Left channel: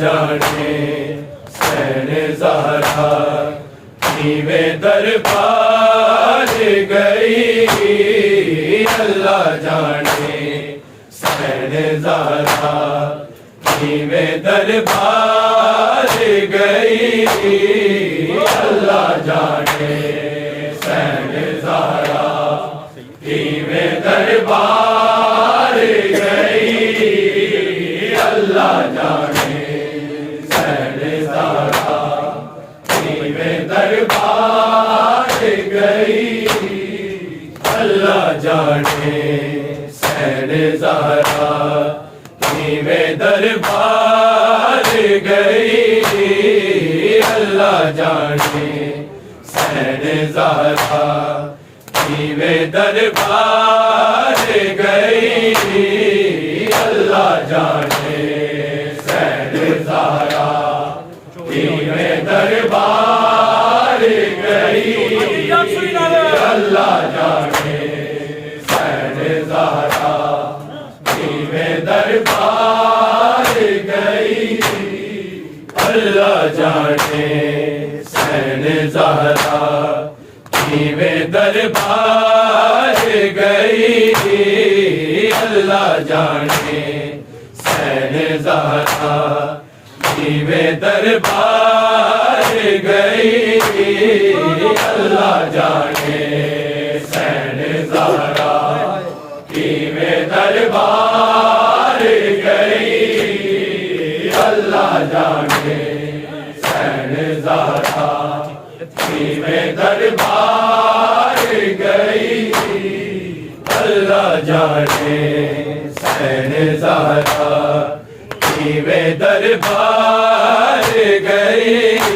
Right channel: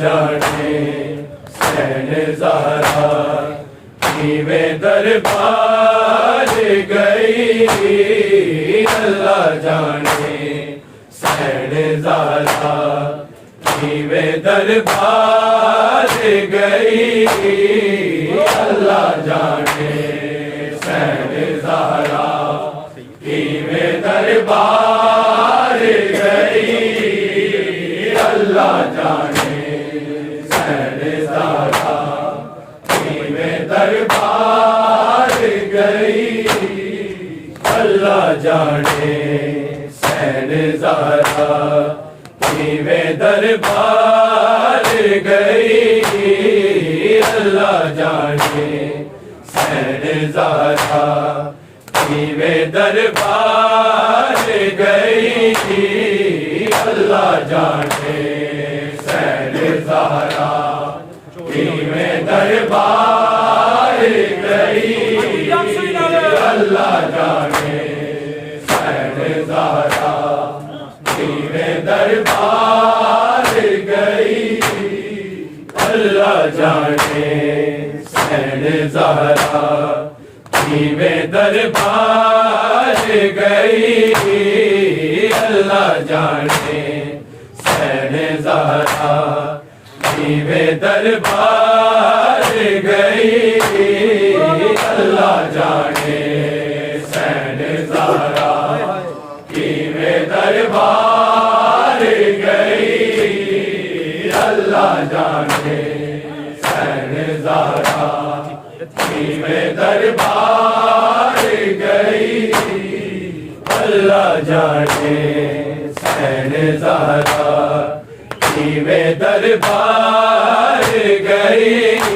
جانے حسین زہرا نیویں دربار گئی اللہ جانے حسین زہرا نیویں دربار گئی اللہ جانے حسین زہرا نیویں دربار گئی اللہ جانے حسین زہرا نیویں دربار گئی اللہ جانے حسین زہرا نیویں دربار گئی اللہ جانے حسین زہرا نیویں دربار گئی اللہ جانے حسین زہرا نیویں دربار گئی اللہ جانے حسین زہرا نیویں دربار گئی اللہ جانے حسین زہرا نیویں دربار گئی اللہ جانے حسین زہرا نیویں دربار گئی اللہ جانے حسین زہرا نیویں دربار گئی اللہ جانے حسین زہرا نیویں دربار گئی اللہ جانے حسین زہرا نیویں دربار گئی اللہ جانے حسین زہرا نیویں دربار گئی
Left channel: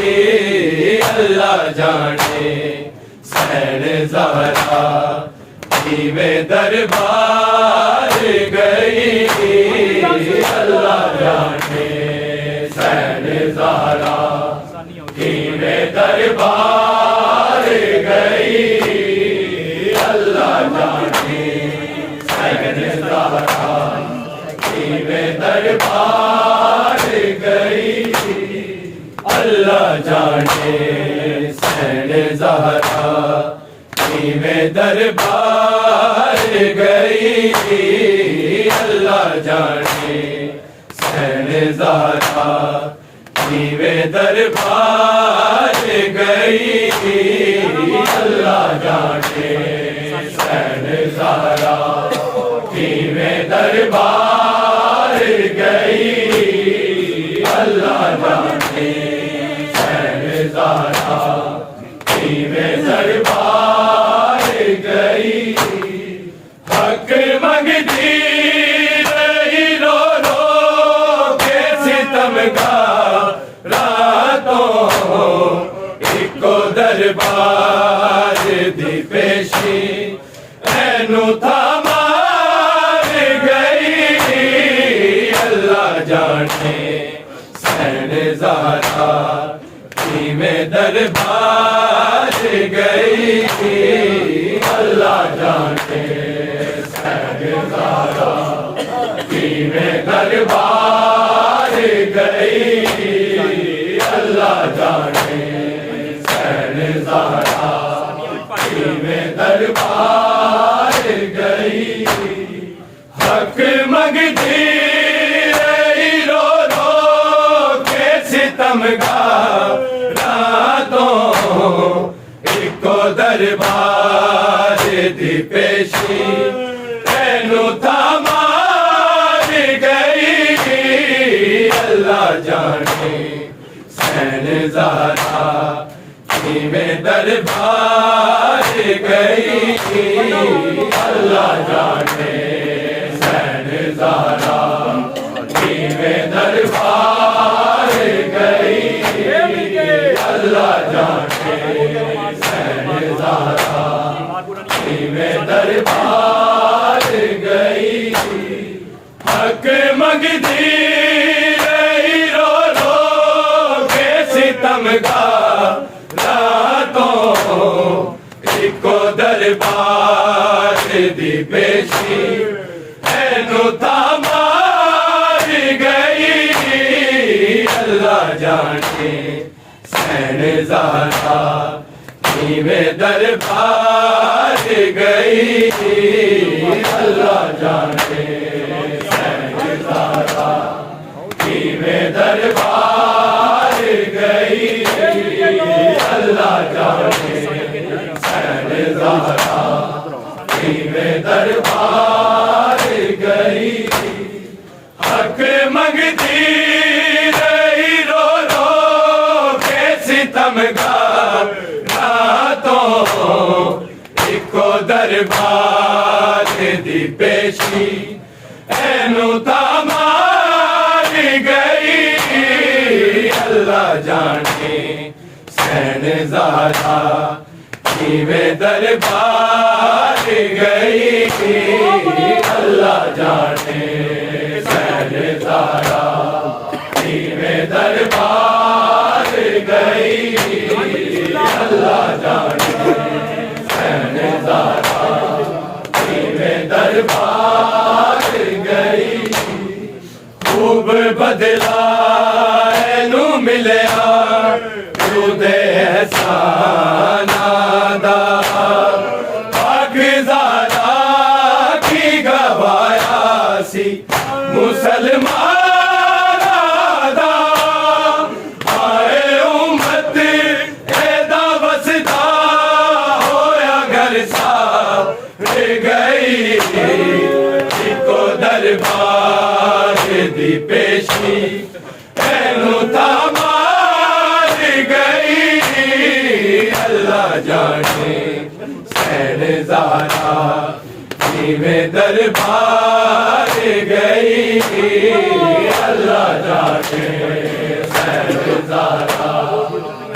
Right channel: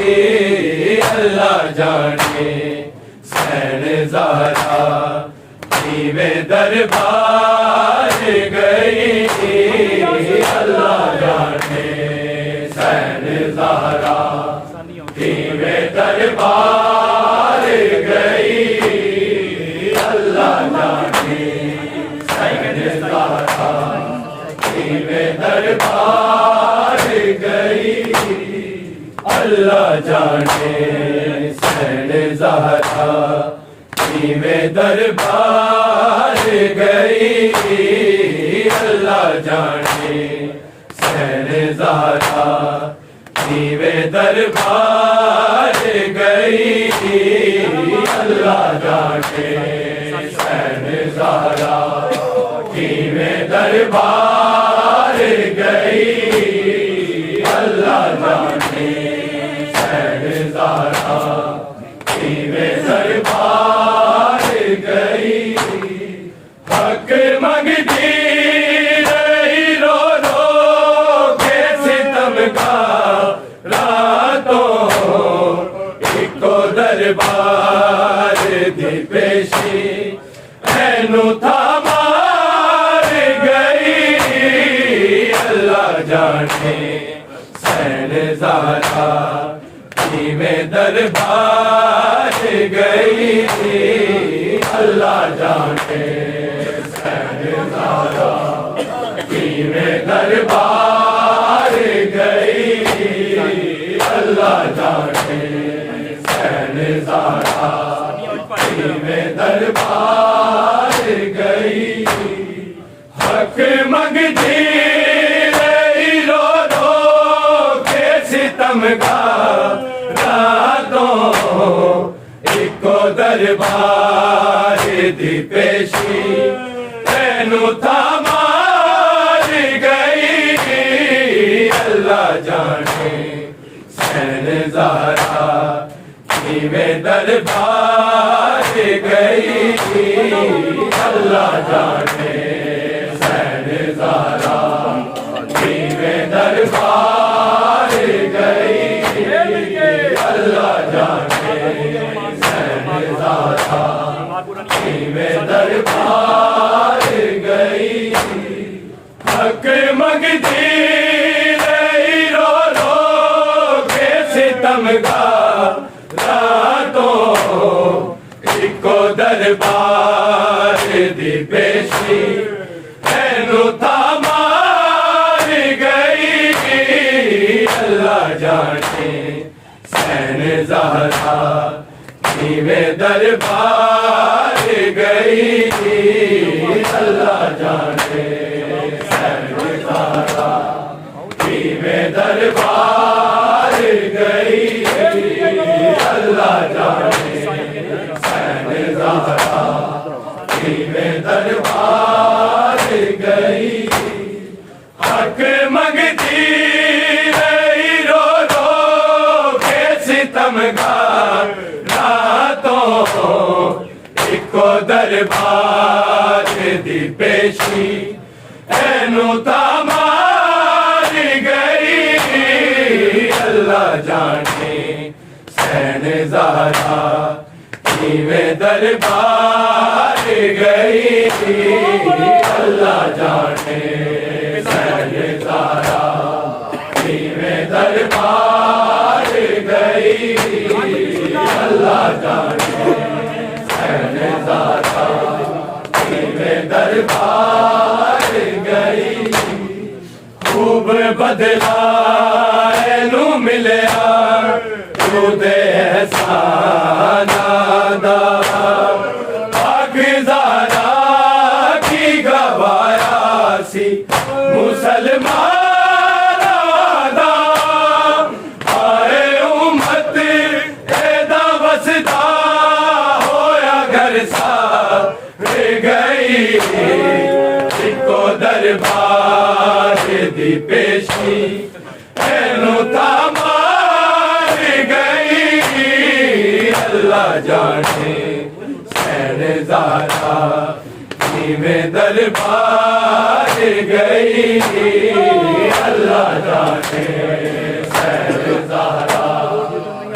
اللہ جانے حسین زہرا نیویں دربار گئی اللہ جانے حسین زہرا نیویں دربار گئی اللہ جانے حسین زہرا نیویں دربار گئی اللہ جانے حسین زہرا نیویں دربار گئی اللہ جانے حسین زہرا نیویں دربار گئی اللہ جانے حسین زہرا نیویں دربار گئی حق مانگتی رہی رو رو کے ستم راتوں ایکو دربار دی پیشی اینو تھامار گئی اللہ جانے حسین زہرا نیویں دربار گئی اللہ جانے حسین زہرا نیویں دربار گئی اللہ جانے حسین زہرا نیویں دربار گئی حق مانگتی رہی رو رو کے ستم راتوں ایکو دربار دی پیشی اینو تھامار گئی اللہ جانے حسین زہرا نیویں دربار گئی اللہ جانے حسین زہرا نیویں دربار گئی اللہ جانے حسین زہرا نیویں دربار گئی حق مانگتی رہی رو رو کے ستم راتوں ایکو دربار دی پیشی اینو تھامار گئی زہرا نیویں دربار گئی اللہ جانے حسین زہرا نیویں دربار گئی اللہ جانے حسین زہرا نیویں دربار گئی حق منگتی رہی رو رو کے ستمگار راتوں اکو دربار دی پیشی اینو تامار گئی اللہ جانے حسین زہرا نیویں دربار گئی اللہ جانے حسین زہرا نیویں دربار گئی اللہ جانے حسین زہرا نیویں دربار گئی خوب بدلا اینو ملیا درود احسان دا پاک زہرا کی گوایا سی مسلمان دا آئے امت ایدا وسدا ہویا گھر سار گئی اکو دربار دی پیشی اینو تامار گئی اللہ جانے حسین زہرا نیویں دربار گئی اللہ جانے حسین زہرا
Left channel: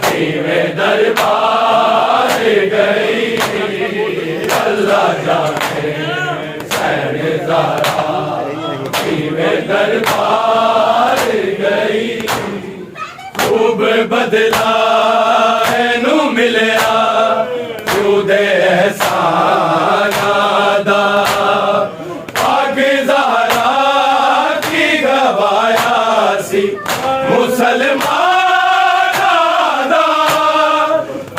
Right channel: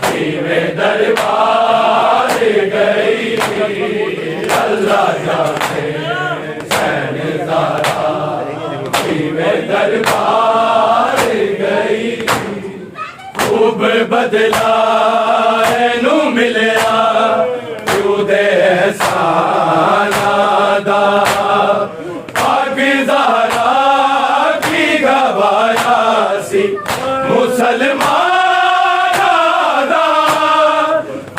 نیویں دربار گئی اللہ جانے حسین زہرا نیویں دربار گئی خوب بدلا اینو ملیا درود احسان دا پاک زہرا کی گوایا سی مسلمان دا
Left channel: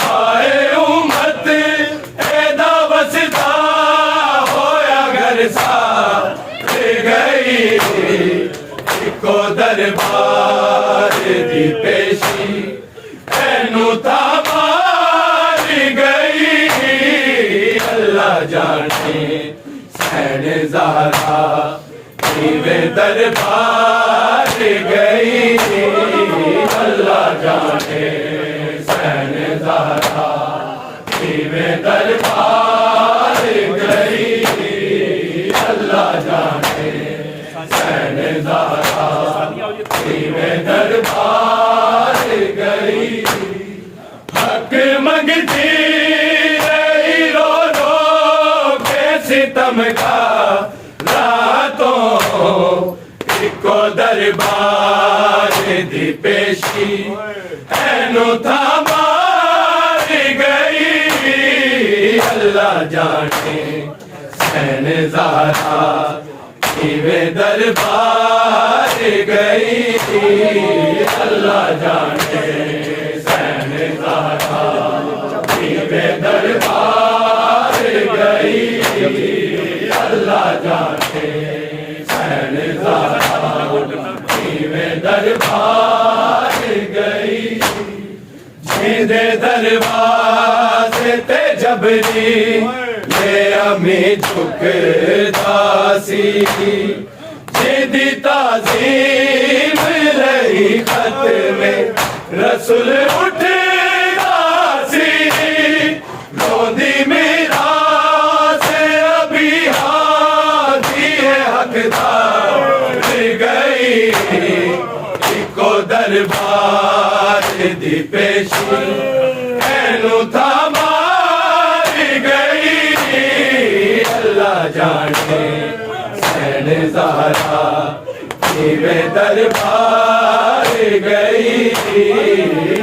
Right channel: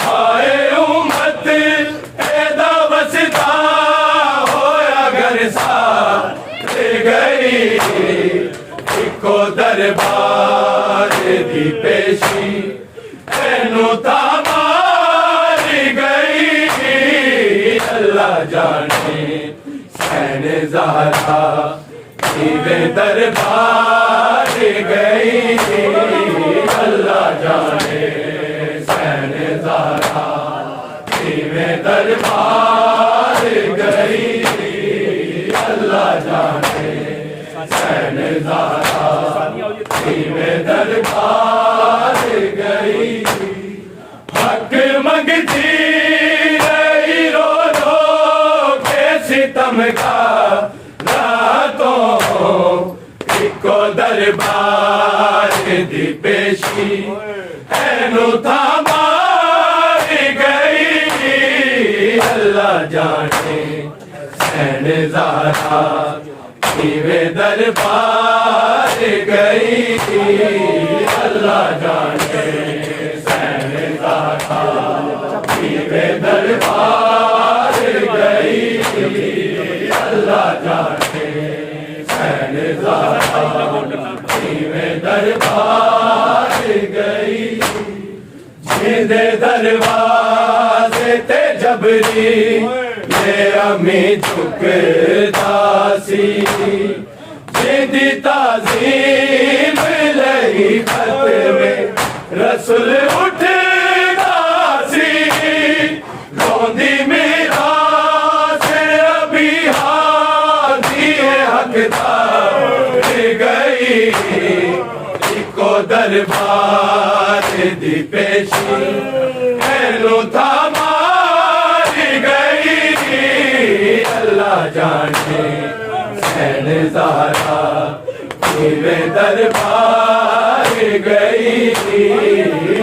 آئے امت ایدا وسدا ہویا گھر سار گئی اکو دربار دی پیشی اینو تامار گئی اللہ جانے حسین زہرا نیویں دربار گئی اللہ جانے حسین زہرا نیویں دربار گئی اللہ جانے حسین زہرا نیویں دربار گئی حق منگتی رہی رو رو کے ستمگار راتوں اکو دربار دی پیشی اینو تامار گئی اللہ جانے حسین زہرا نیویں دربار گئی اللہ جانے حسین زہرا نیویں دربار گئی اللہ جانے حسین زہرا نیویں دربار گئی جیندے دروازے تے جبری لے امی جھکدا سی جیدی تعظیم لئی خط میں رسول اٹھدا سی روندی میرا سے ابھی ہاتھی ہے حقدار گئی اکو دربار دی پیشی اینو تامار گئی اللہ جانے حسین زہرا نیویں دربار گئی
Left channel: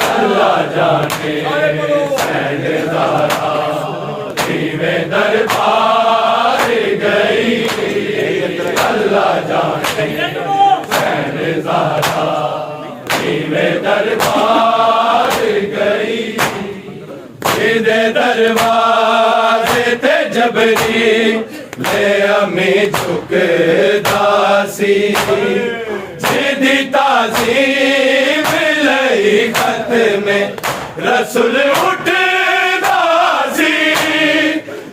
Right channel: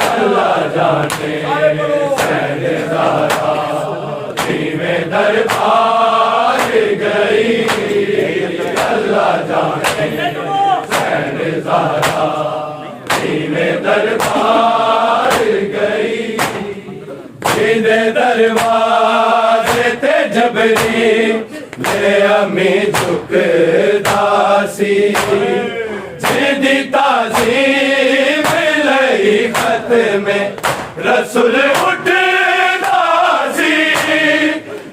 اللہ جانے حسین زہرا نیویں دربار گئی اللہ جانے حسین زہرا نیویں دربار گئی دروازے تے جبریل امی جھکدا سی جیدی تعظیم لئی خط میں رسول اٹھدا سی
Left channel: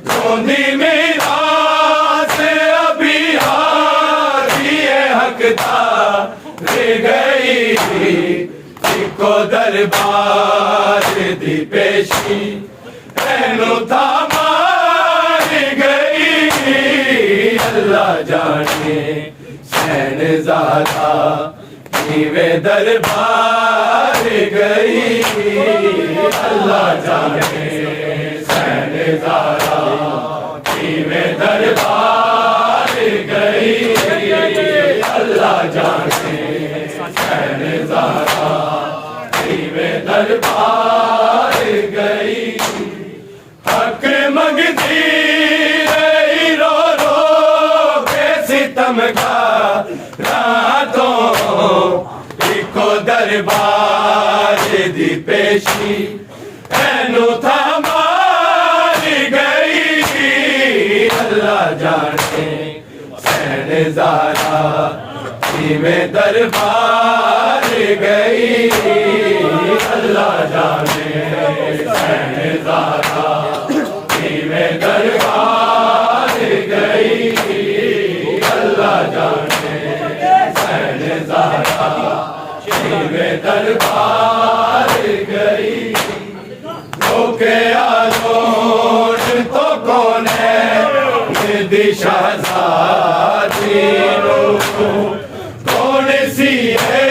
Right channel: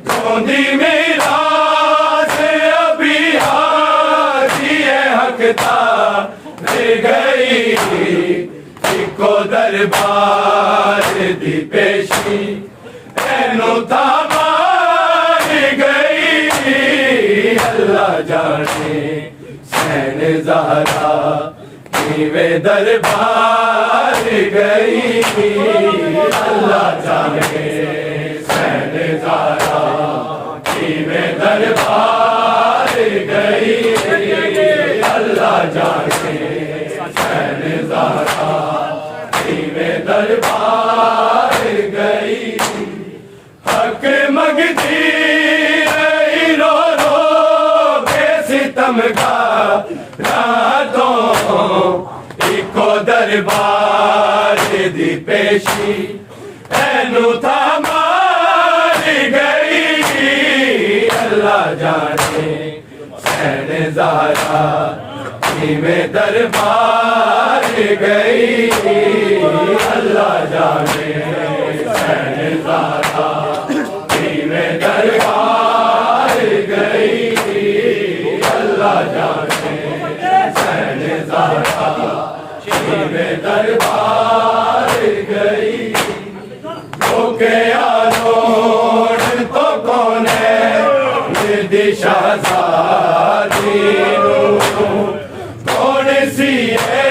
گوندی میراث ابھی حاجی حق تار گئی کو دربار دی پیشی اینو تھامار گئی اللہ جانے حسین زہرا کیویں دربار گئی اللہ جانے حسین زہرا کیویں دربار گئی اللہ جانے حسین زہرا دربار گئی حق مگتی رہی رو رو بے ستم کا راتوں ایکو دربار دی پیشی اینو تھامار گئی اللہ جانے حسین زہرا کیویں دربار گئی اللہ جانے حسین زہرا کیویں دربار گئی اللہ جانے حسین زہرا کیویں دربار گئی دھوکے آلوڑ تو کون ہے دی شہزادی کون سی ہے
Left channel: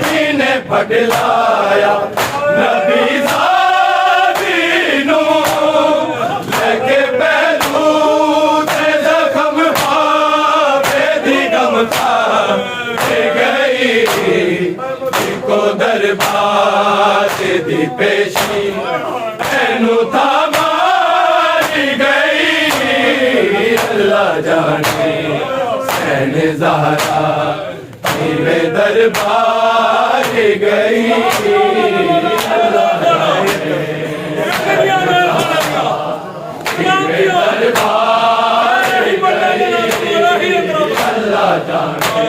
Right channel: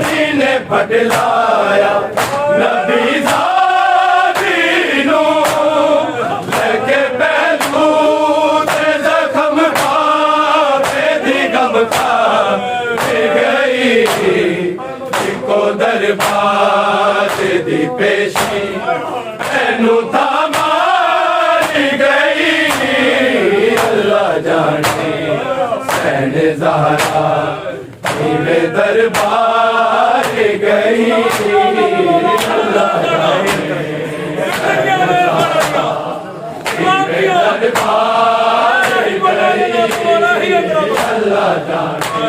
جنہیں پھٹلایا نبی زادی نو لے کے پہلو تے زخم بے دی غم کھا گئی کو دربار دی پیشی اینو تھامار گئی اللہ جانے حسین زہرا کیویں دربار گئی اللہ جانے حسین زہرا کیویں دربار گئی اللہ جانے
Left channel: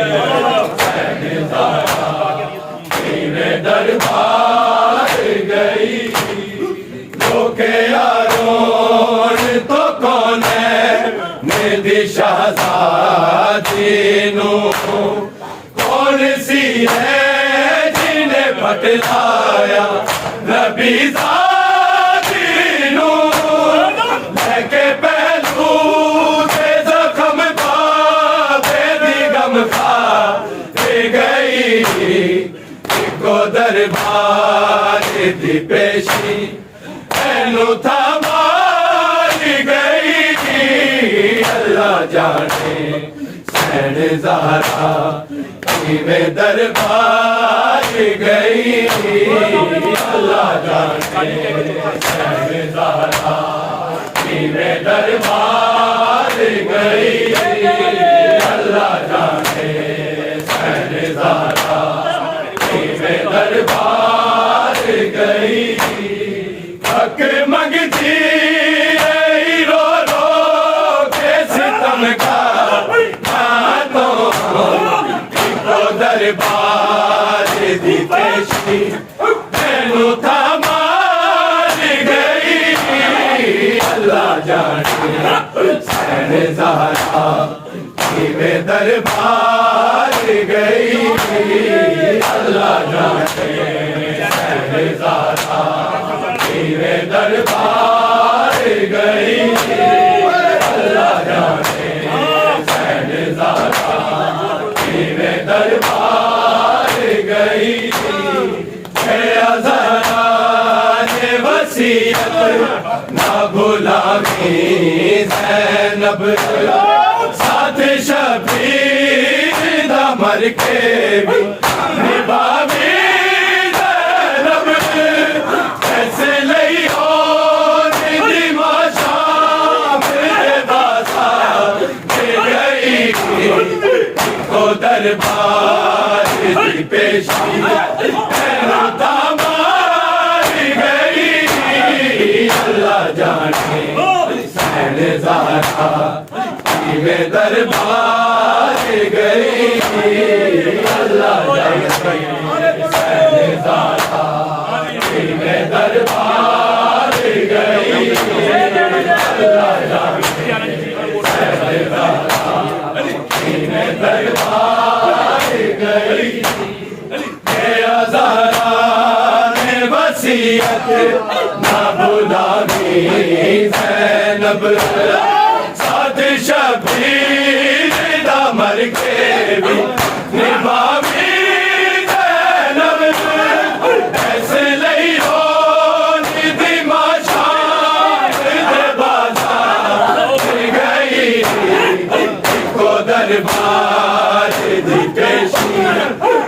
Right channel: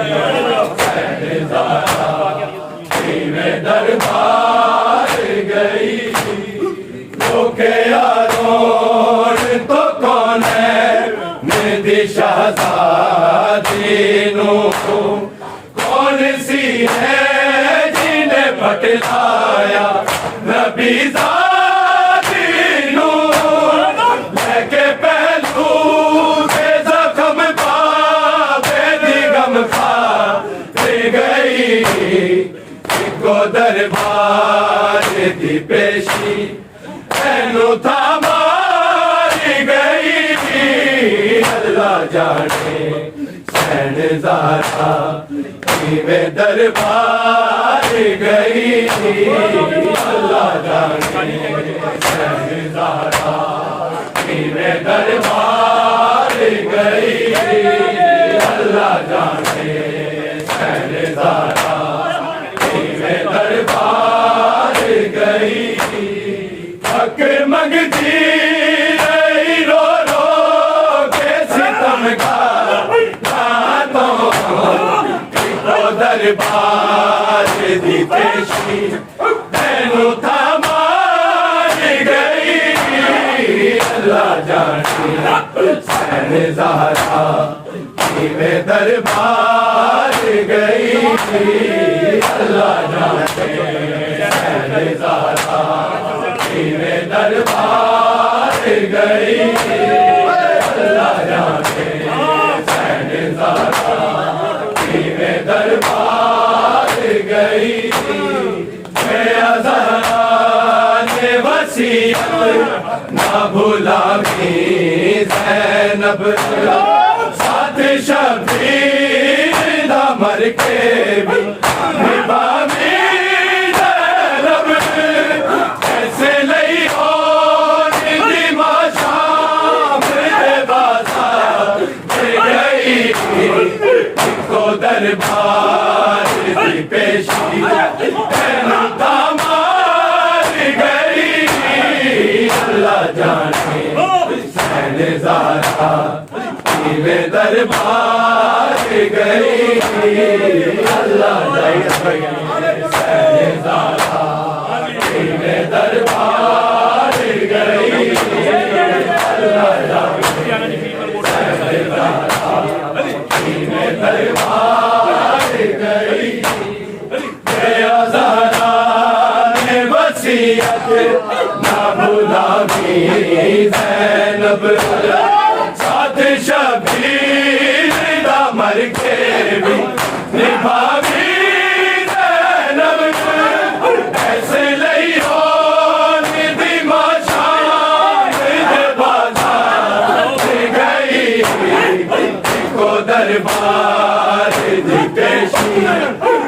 حسین زہرا کیویں دربار گئی دھوکے آلوڑ تو کون ہے میری شہزادی نو کون سی ہے جنہیں پھٹلایا نبی زادی نو لے کے پہلو تے زخم بے دی غم کھا گئی کو دربار دی پیشی اینو تھامار گئی اللہ جانے حسین زہرا کیویں دربار گئی اللہ جانے حسین زہرا کیویں دربار گئی اللہ جانے حسین زہرا کیویں دربار گئی حق مگتی رہی رو رو کے ستم کا راتوں ایکو دربار دی پیشی اینو تھامار گئی اللہ جانے حسین زہرا کیویں دربار گئی اللہ جانے حسین زہرا کیویں دربار گئی اللہ جانے حسین زہرا کیویں دربار گئی زہرا نے وصیت نہ بھلاویں زینب ساتھ شبیر نہ مر کے بھی نبھاویں زینب ایسے لئی کو دربار دی پیشی اینو تھامار گئی اللہ جانے حسین زہرا میں دربار گئی اللہ جانے حسین زہرا میں دربار گئی اللہ جانے حسین زہرا میں دربار گئی میرا زہرا نے وصیت نہ بھلاوی زینب ساتھ شبیر دا مر کے بھی نبھاوی زینب ایسے لئی ہو ندی ماشان دے بازار گئی کو دربار دی پیشی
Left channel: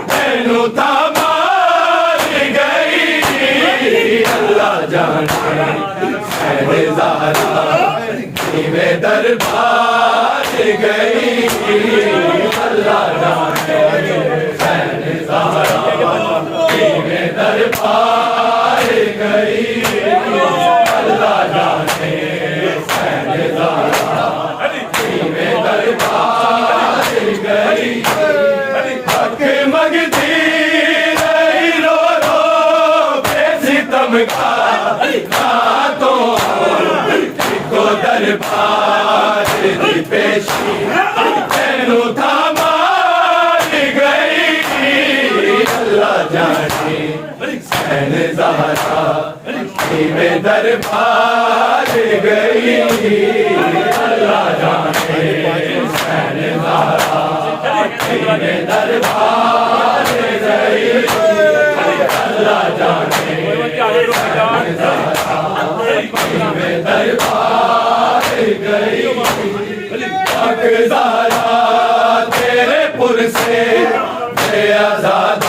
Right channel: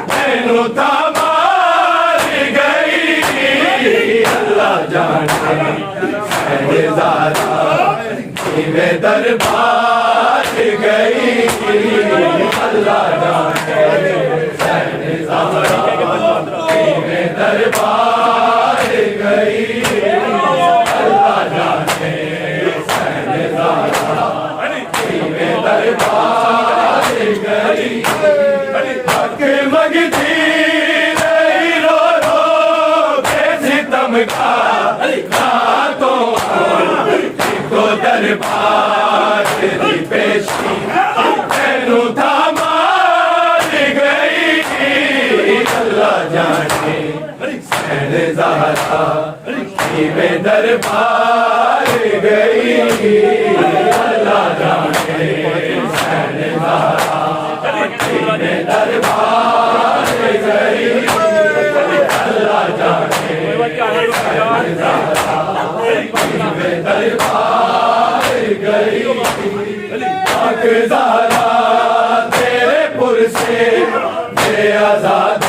مینو تمار گئی اللہ جانے حسین زہرا میں دربار گئی اللہ جانے حسین زہرا میں دربار گئی اللہ جانے حسین زہرا میں دربار گئی حق مگتی رہی رو رو بے ستم کا راتوں کو دربار دی پیشی مینو تھامار گئی اللہ جانے حسین زہرا میں دربار گئی اللہ جانے حسین زہرا میں دربار گئی اللہ جانے حسین زہرا میں دربار گئی پاک زہرا تیرے پر سے بے آزاد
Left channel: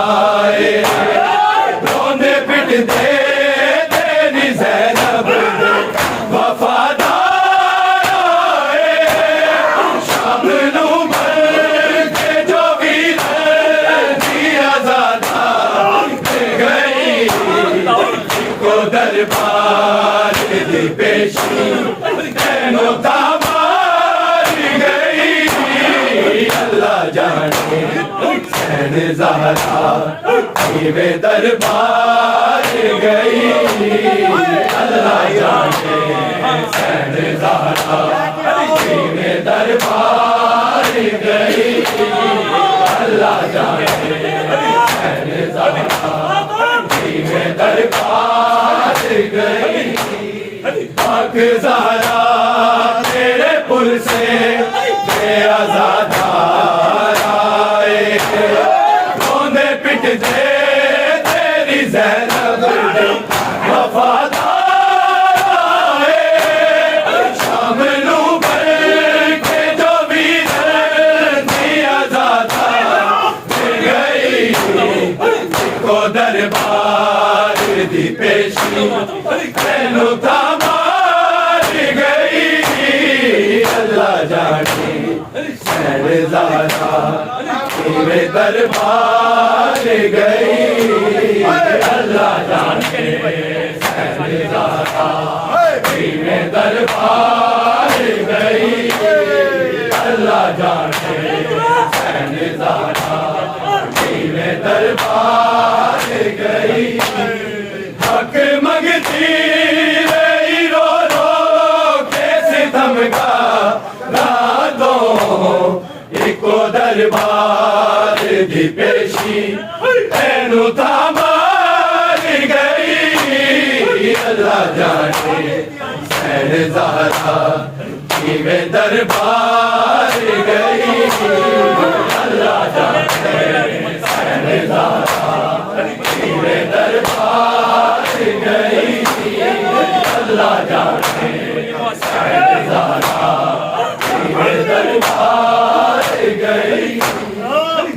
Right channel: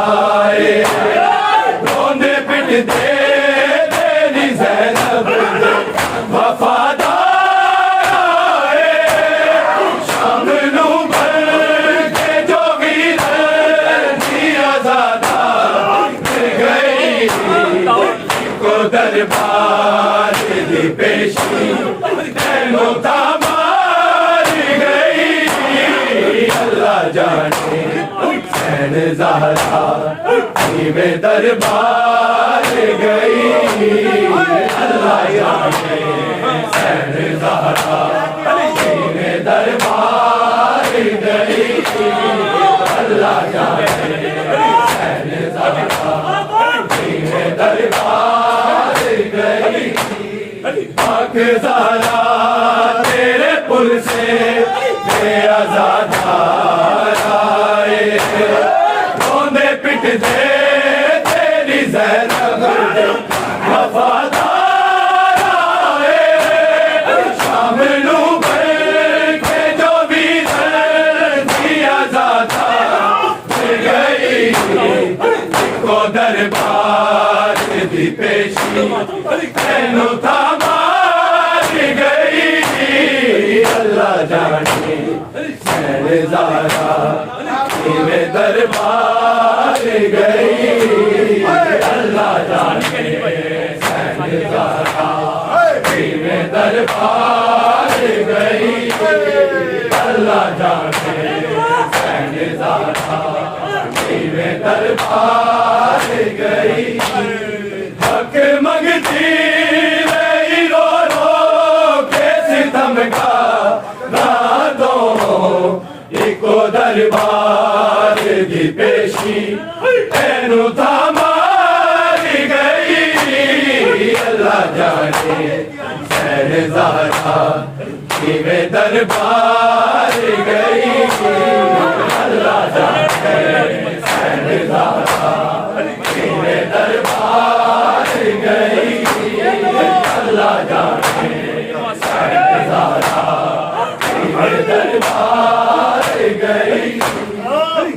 آئے رونے پٹ دے تیری زینب وفادار آئے شام نو بھر کے جو ویرن دی آزاد گئی کو دربار دی پیشی مینو تمار گئی اللہ جانے حسین زہرا میں دربار گئی اللہ جانے حسین زہرا میں دربار گئی اللہ جانے حسین زہرا میں دربار گئی پاک زہرا تیرے پر سے بے آزاد آئے روندے پٹ دے تیری زینب وفادار آئے شام نو بھر کے جو ویرن دی آزاد گئی کو دربار دی پیشی مینو تمار گئی اللہ جانے حسین زہرا میں دربار گئی اللہ جانے حسین زہرا میں دربار گئی اللہ جانے حسین زہرا میں دربار گئی حق مگتی رہی رو رو کے ستم کا راتوں ایکو دربار دی پیشی مینو تھامار گئی اللہ جانے حسین زہرا میں دربار گئی اللہ جانے حسین زہرا میں دربار گئی اللہ جانے حسین زہرا میں دربار گئی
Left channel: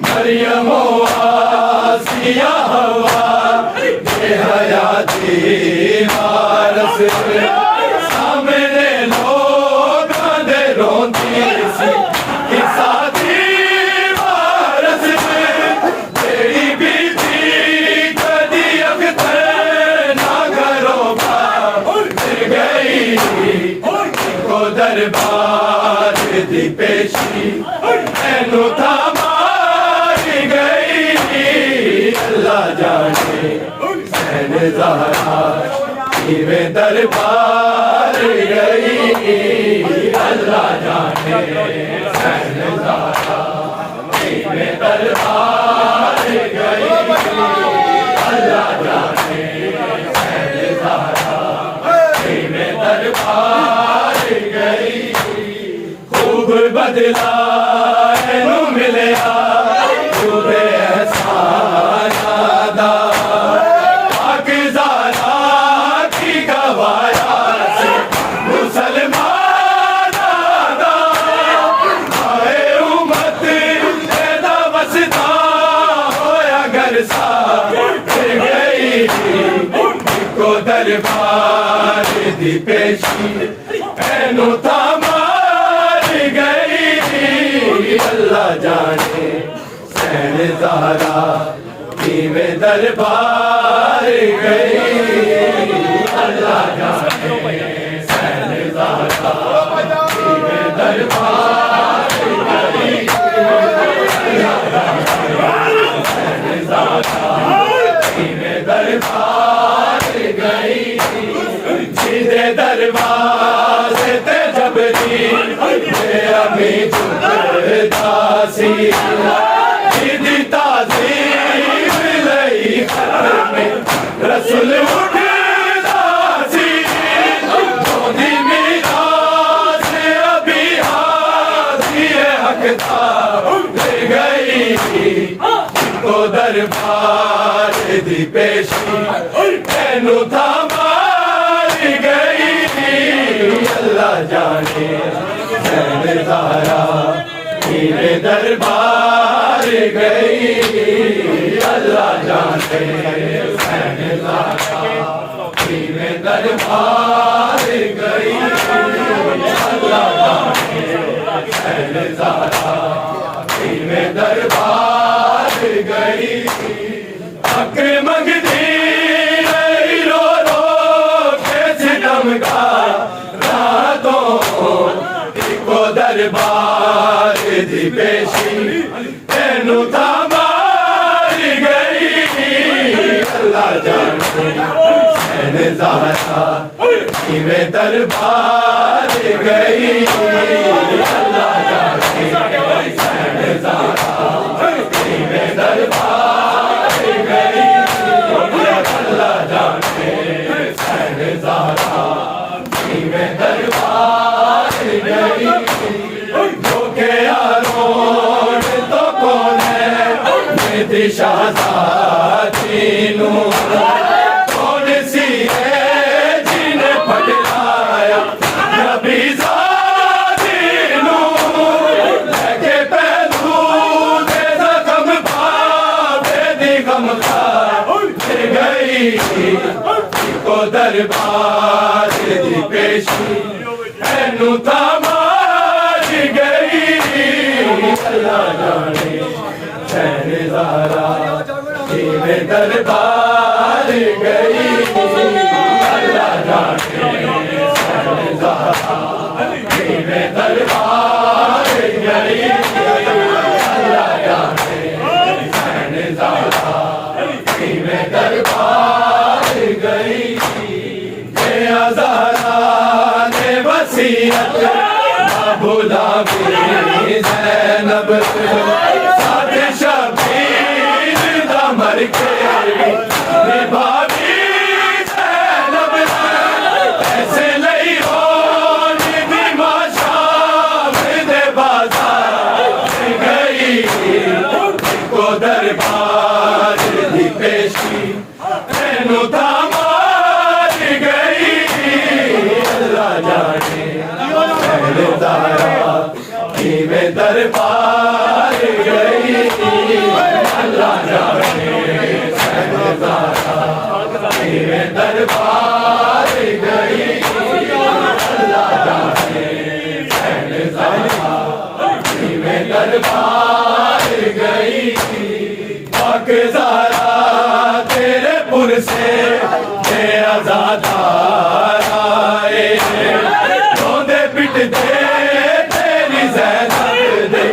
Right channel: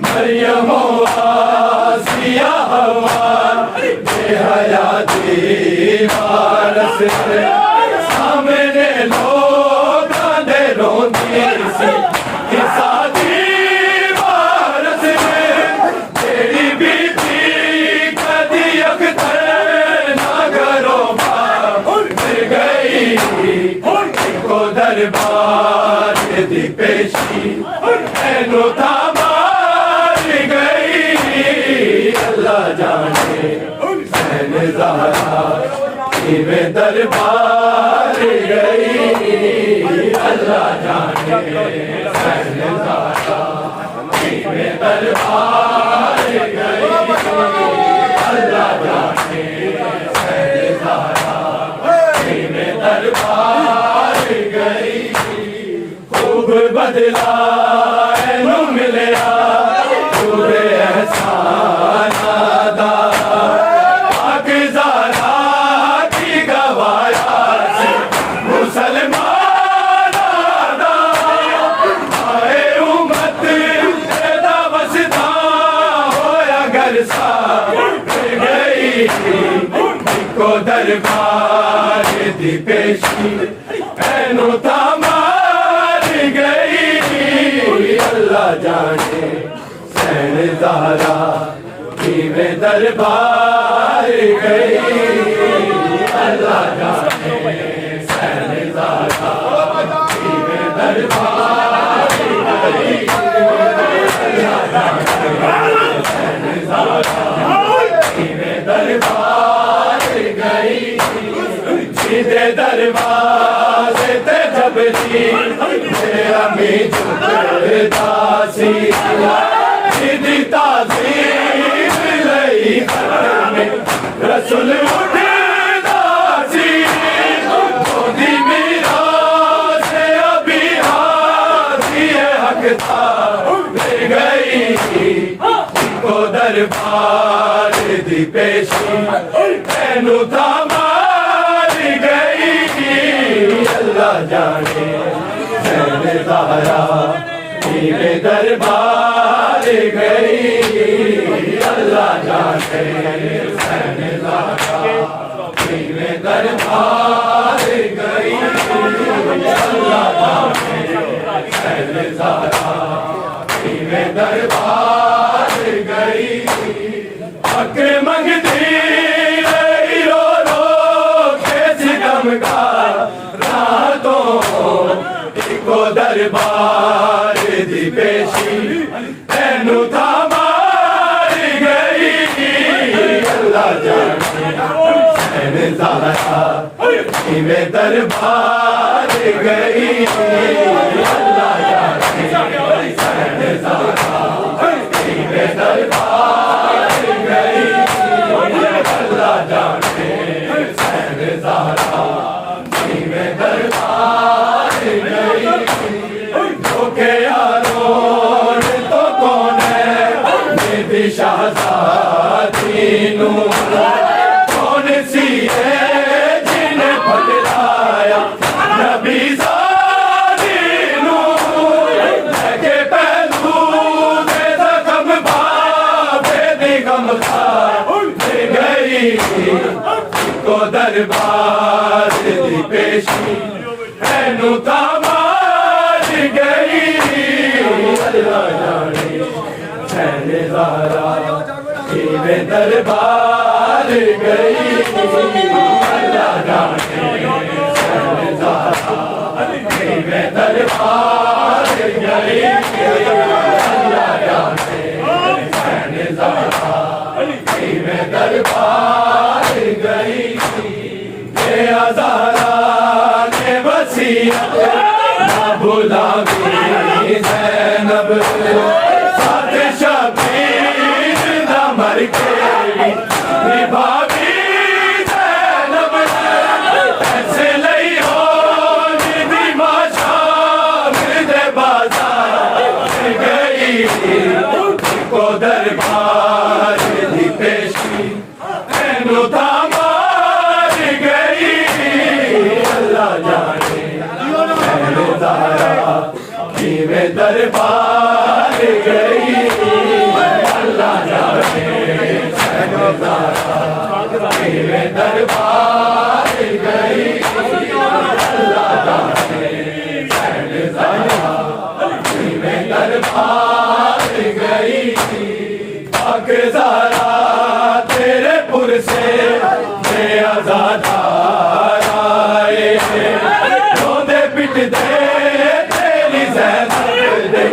مریم و آسیہ ہوا بے حیاتی وارث سامنے لوگ آندے روندی سی قصہ دیوار سے تیری بیٹی کدی اختر نہ کرو بار گئے دربار دی پیشی اینو تھامار گئی اللہ جانے حسین زہرا کیویں دربار گئی اللہ جانے حسین زہرا کیویں دربار گئی اللہ جانے حسین زہرا کیویں دربار گئی خوب بدلا اینو ملیا جود احسان دا پاکزارا کی گوایا سے مسلمان دا آئے امت پیدا وسطا ہویا گر سا گئی کو دربار دی پیشی اینو تھامار گئی اللہ جانے حسین زہرا کیویں دربار گئی اللہ جانے حسین زہرا کیویں دربار گئی اللہ جانے حسین زہرا کیویں دربار گئی سیدھے دروازے تے جبریل امی جھکتا سی سیدھی تعظیم لئی خطر میں رسول اٹھتا سی گودی میراث ابی حاضی حق تھا لے گئی کو دربار دی پیشی اینو تھامار گئی اللہ جانے حسین زہرا کیویں دربار گئی اللہ جانے حسین زہرا کیویں دربار گئی اللہ جانے حسین زہرا کیویں دربار گئی حق منگتی رہی رو رو کے ستم کا راتوں کو دربار دی پیشی اینو تھامار گئی اللہ جانے حسین زہرا کیویں دربار گئی اللہ جانے حسین زہرا کیویں دربار گئی اللہ جانے حسین زہرا کیویں دربار گئی دھوکے یاروں نے تو کون ہے میری شہزادی نوں کون سی ہے جنہیں پھٹلایا نبی زادی نوں لے کے پہلو دے زخم بابے دی غم خار لے گئی کو دربار دی پیشی اینو تھامار گئی اللہ جانے حسین زہرا کیویں دربار گئی اللہ جانے حسین زہرا کیویں دربار گئی اللہ جانے حسین زہرا کیویں دربار گئی یہ ہزارہ نے وصیت نہ بھلاوی زینب ساتھ شبیر دا مر کے نبھاوی زینب ایسے لئی ہو جدی ماشام دے بازار گئی کو دربار دی پیشی اینو تھامار گئی اللہ جانے حسین زہرا کیویں دربار گئی اللہ جانے حسین زہرا کیویں دربار گئی اللہ جانے حسین زہرا کیویں دربار گئی پاکزارا تیرے پر سے بے آزادار آئے روندے عزت دے تیری زینب دے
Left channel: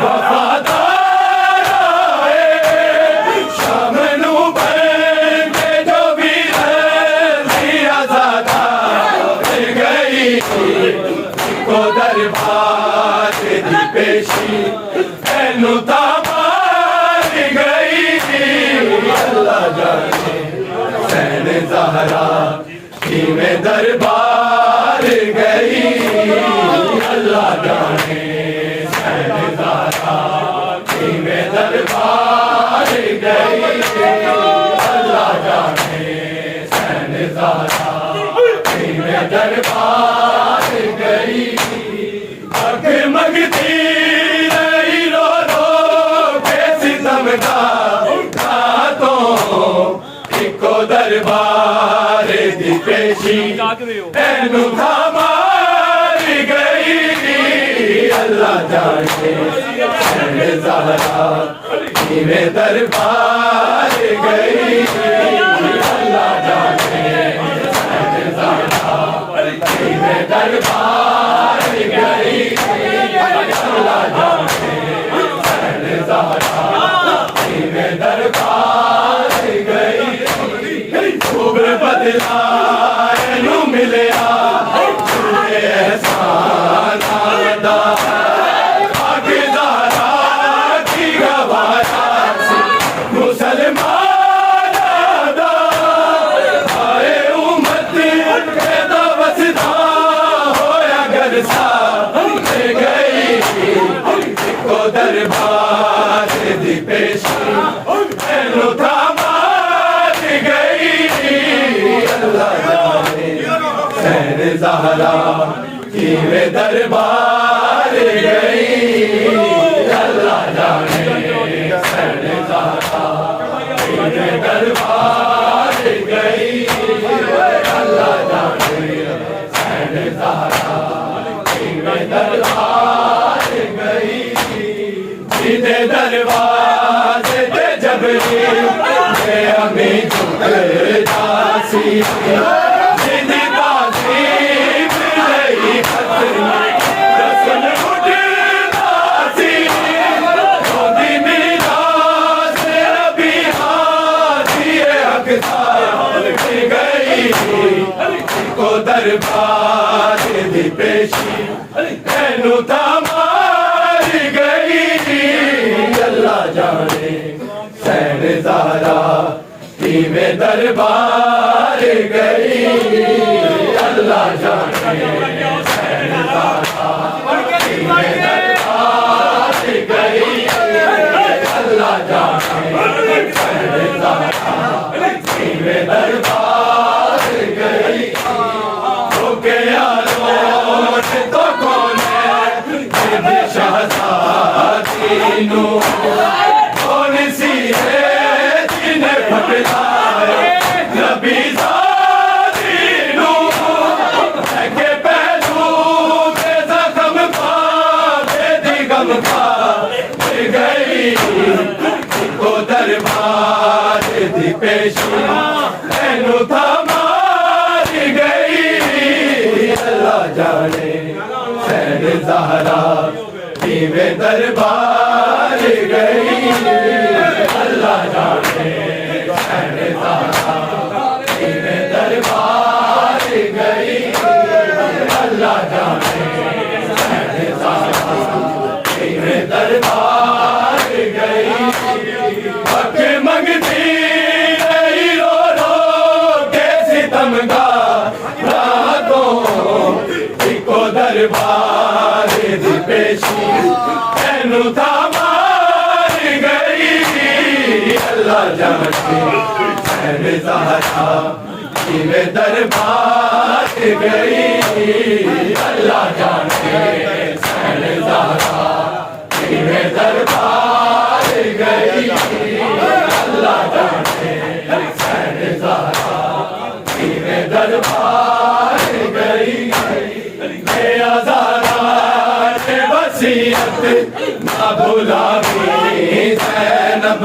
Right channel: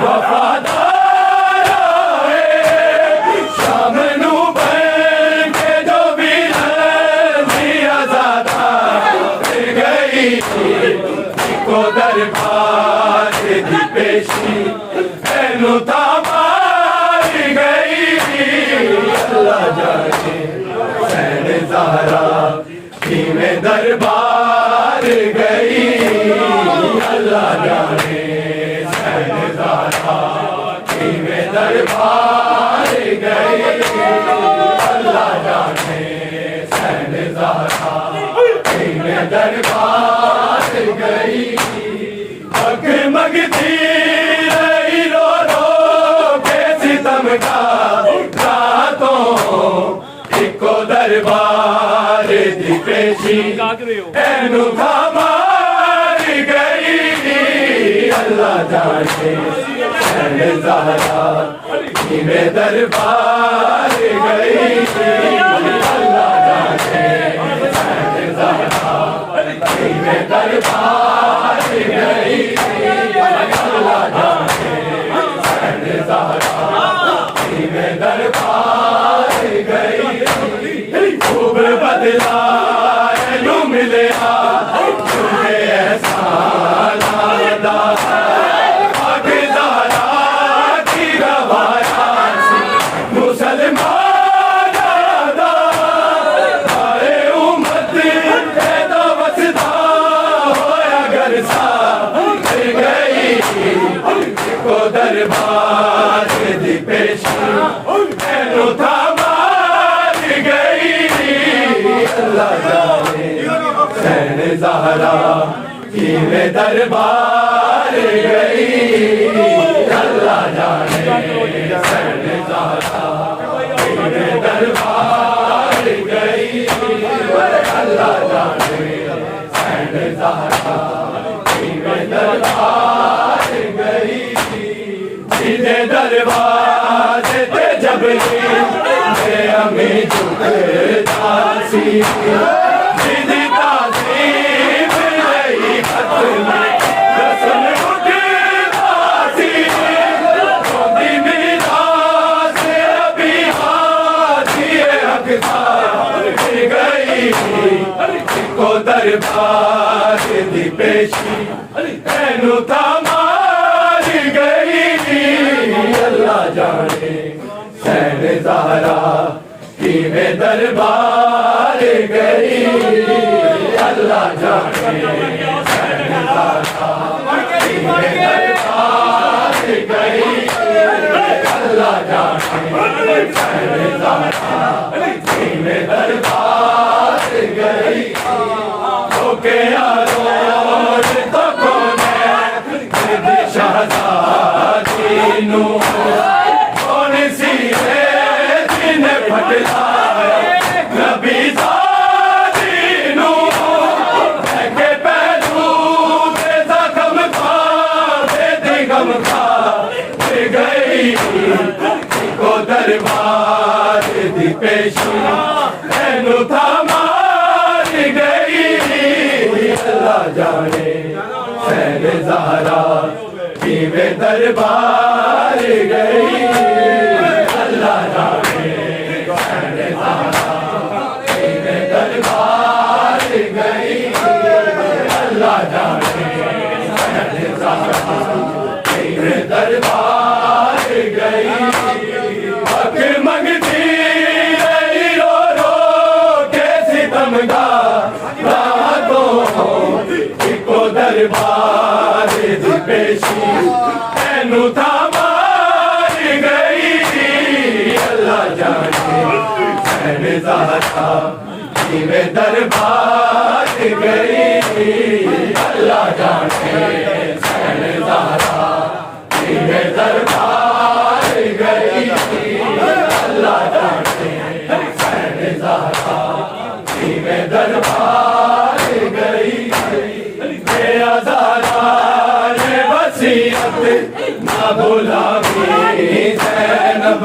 وفادار آئے شام نو بن کے جو بھی رضی آزادہ پھر گئی کو دربار دی پیشی اینو تامار گئی اللہ جانے حسین زہرا میں دربار گئی اللہ جانے حسین زہرا میں دربار گئی اللہ جانے حسین زہرا میں دربار گئی حق مگتی رہی رو رو کے ستم کا راتوں ایکو دربار دی پیشی اینو تھامار گئی اللہ جانے حسین زہرا میں دربار گئی اللہ جانے حسین زہرا میں دربار گئی اللہ جانے حسین زہرا میں دربار گئی خوب بدلا یوں ملیا تجھے احسان آدھا حقدارا کی گوایا سی مسلمان آدھا آئے امت کے دو وسدا ہویا گر سا گئی کو دربار دی پیشی اینو تھامار گئی اللہ جانے حسین زہرا میں دربار گئی اللہ جانے حسین زہرا میں دربار گئی اللہ جانے حسین زہرا میں دربار گئی سیدھے دروازے پہ جبریل میں ہمیں جھکتا سی سیدھی تعظیم رہی ختم رسم اٹھتا سی روندی میراث نبی ہاتھی حق تھا گئی کو دربار دی پیشی اینو تامار گئی اللہ جانے حسین زہرا میں دربار گئی اللہ جانے حسین زہرا میں دربار گئی اللہ جانے حسین زہرا میں دربار گئی اوکے یارو تو کون ہے شہزادی نو کون سی ہے جن پھٹلایا نبی زادی نو کہ پہلو بے زخم پا بے دیگم پا گئی کو دربار دی پیشی اینو تھامار گئی اللہ جانے حسین زہرا میں دربار گئی اللہ جانے حسین زہرا میں دربار گئی اللہ جانے حسین زہرا میں دربار گئی حق منگتی رہی رو رو کے ستم کا راتوں ایکو دربار دی پیشی اینو تھامار گئی اللہ جانے حسین زہرا میں دربار گئی اللہ جانے حسین زہرا میں دربار گئی اللہ جانے حسین زہرا میں دربار گئی بے آزادہ نے وصیت نہ بھلاوی زینب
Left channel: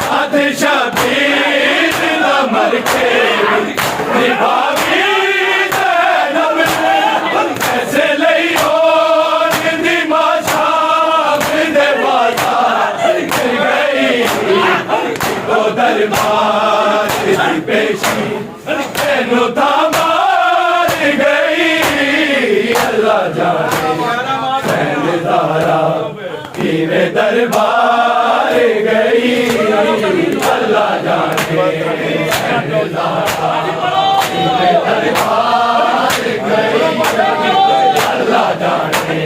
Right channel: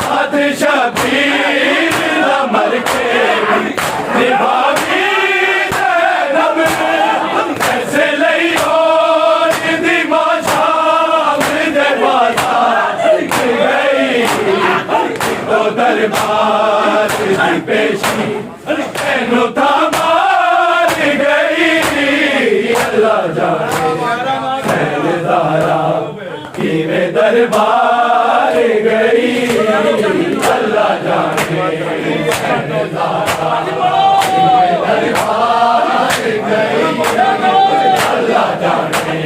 ساتھ شبیر نہ مر کے نبھاوی زینب کیسے تینوں تا مار گئی اللہ جانے سہلدارا کیویں دربار گئی اللہ جانے سہلدارا کیویں دربار گئی اللہ جانے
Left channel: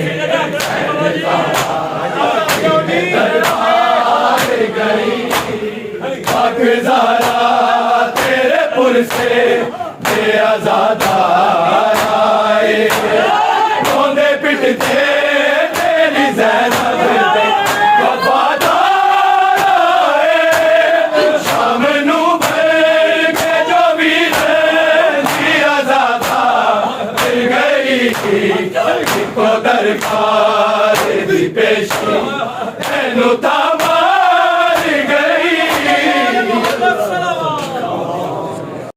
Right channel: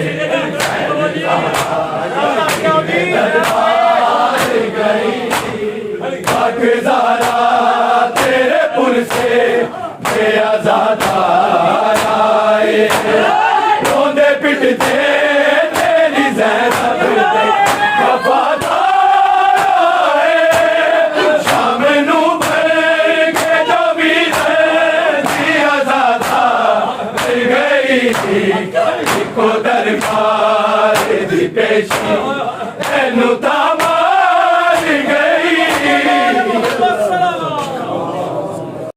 دربار گئی پاک زارا تیرے پر سے بے آزاد آئے روندے پٹتے تیری زینب دے وفادار آئے شام نو بھر کے جو بھی رہی آزاد گئی کو درکار دی پیشی تینوں تا